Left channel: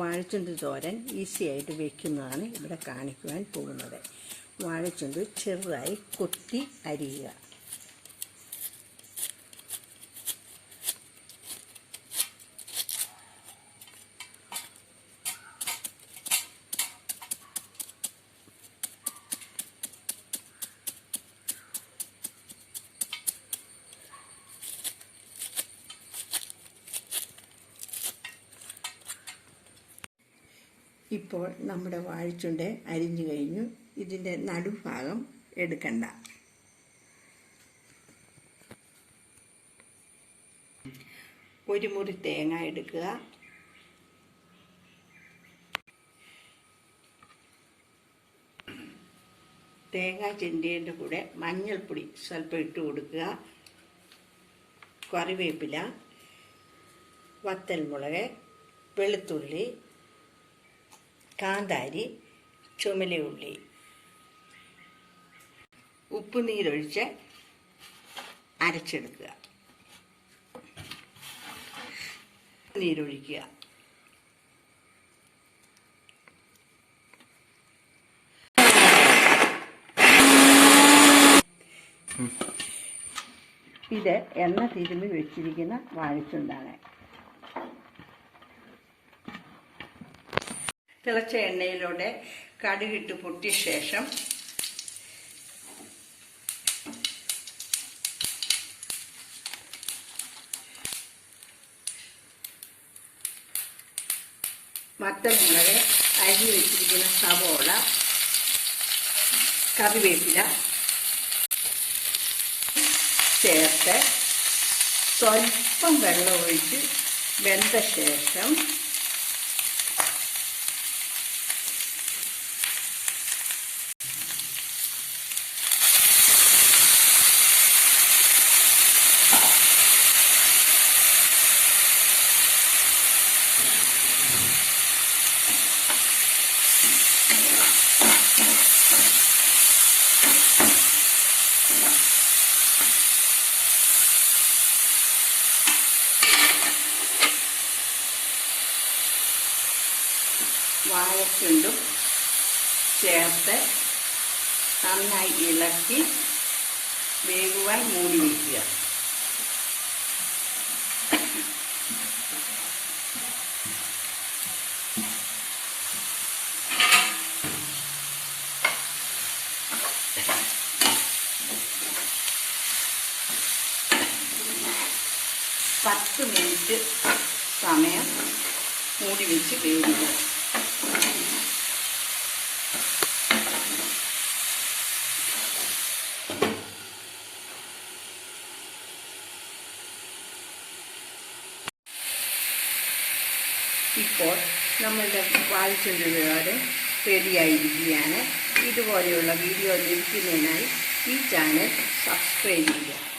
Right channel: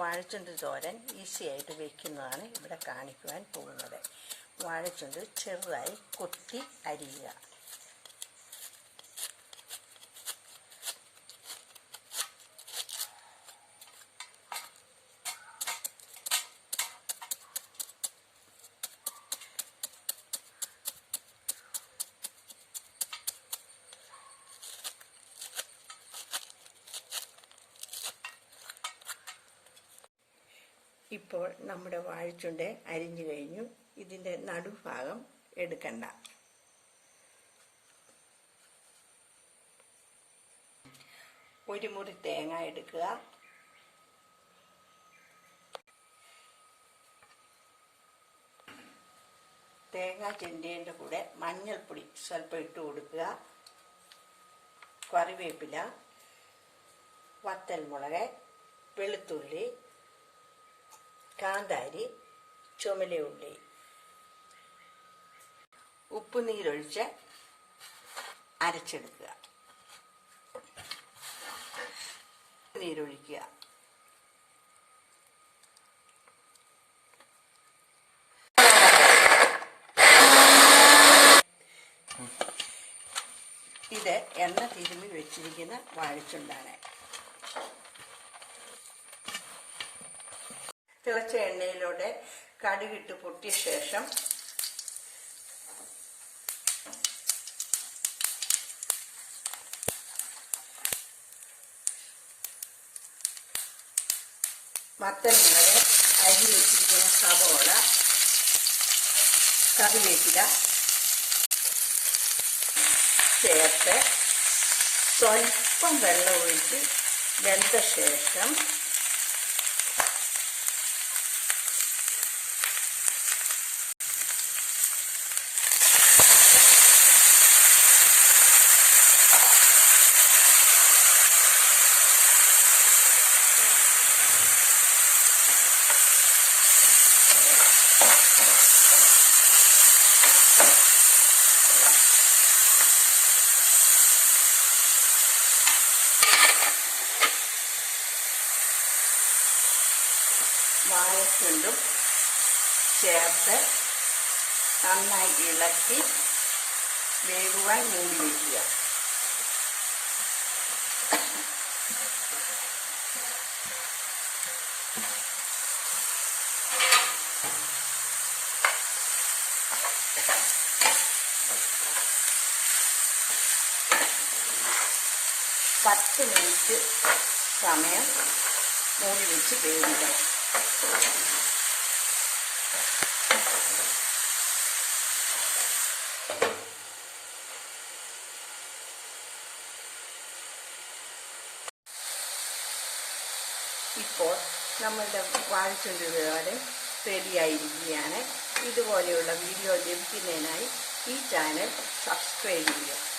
വാഴച്ചുണ്ട് തോരൻ ഈസിയായിട്ട് വയ്ക്കുന്നതാണ് ഇവിടെ കാണിക്കുവാൻ പോകുന്നത്. വാഴച്ചുണ്ട് ചെറുതായി കൊത്തി അരിയുക. ഇപ്പോൾ നമ്മുടെ വാഴച്ചുണ്ട് അരിഞ്ഞു കഴിഞ്ഞു. ഇതിൻ്റെ നടുഭാഗം എടുക്കണ്ട. ഒരു മുറി തേങ്ങ എടുക്കുക. തേങ്ങ ചിരണ്ടിയതിൻ്റെ കൂടെ മഞ്ഞൾപ്പൊടി സ്വല്പം ഇട്ട് കൊടുക്കുക. കറിവേപ്പില, വത്തൽമുളക്, വെളുത്തുള്ളി, കാന്താരി, ചുമലയുള്ളി, ഉപ്പ് നീരൊഴിച്ച് അരച്ചെടുക്കുക. നീരൊഴിക്കുക. ഇത് എണ്ണ തിരുമ്മി വെച്ചിരിക്കുന്ന വാഴച്ചുണ്ടാണ്. തിളച്ച എണ്ണയിലൂടെ കടുകിട്ട് പൊട്ടിയ ശേഷം വത്തൽമുളക്, അരിഞ്ഞു വെച്ചിരിക്കുന്ന സവോള, കറിവേപ്പില ചേർത്ത് സ്വല്പം വെള്ളം ഒഴിച്ച് വെന്ത ശേഷം വാഴച്ചുണ്ടും ചേർത്ത് നന്നായി ഇളക്കി വേവുവാൻ മൂടി വയ്ക്കുക. പത്ത് മിനിറ്റ് സമയം മൂടി വെച്ച് വേവിക്കണം. ഇപ്പോൾ നമ്മളുടെ വാഴച്ചുണ്ട് തോരൻ റെഡിയായിരിക്കുകയാണ്. ഇതുപോലെയുള്ള വീഡിയോ ലഭിക്കുന്നതിനായി ഈ ചാനൽ സബ്സ്ക്രൈബ് ചെയ്യുക.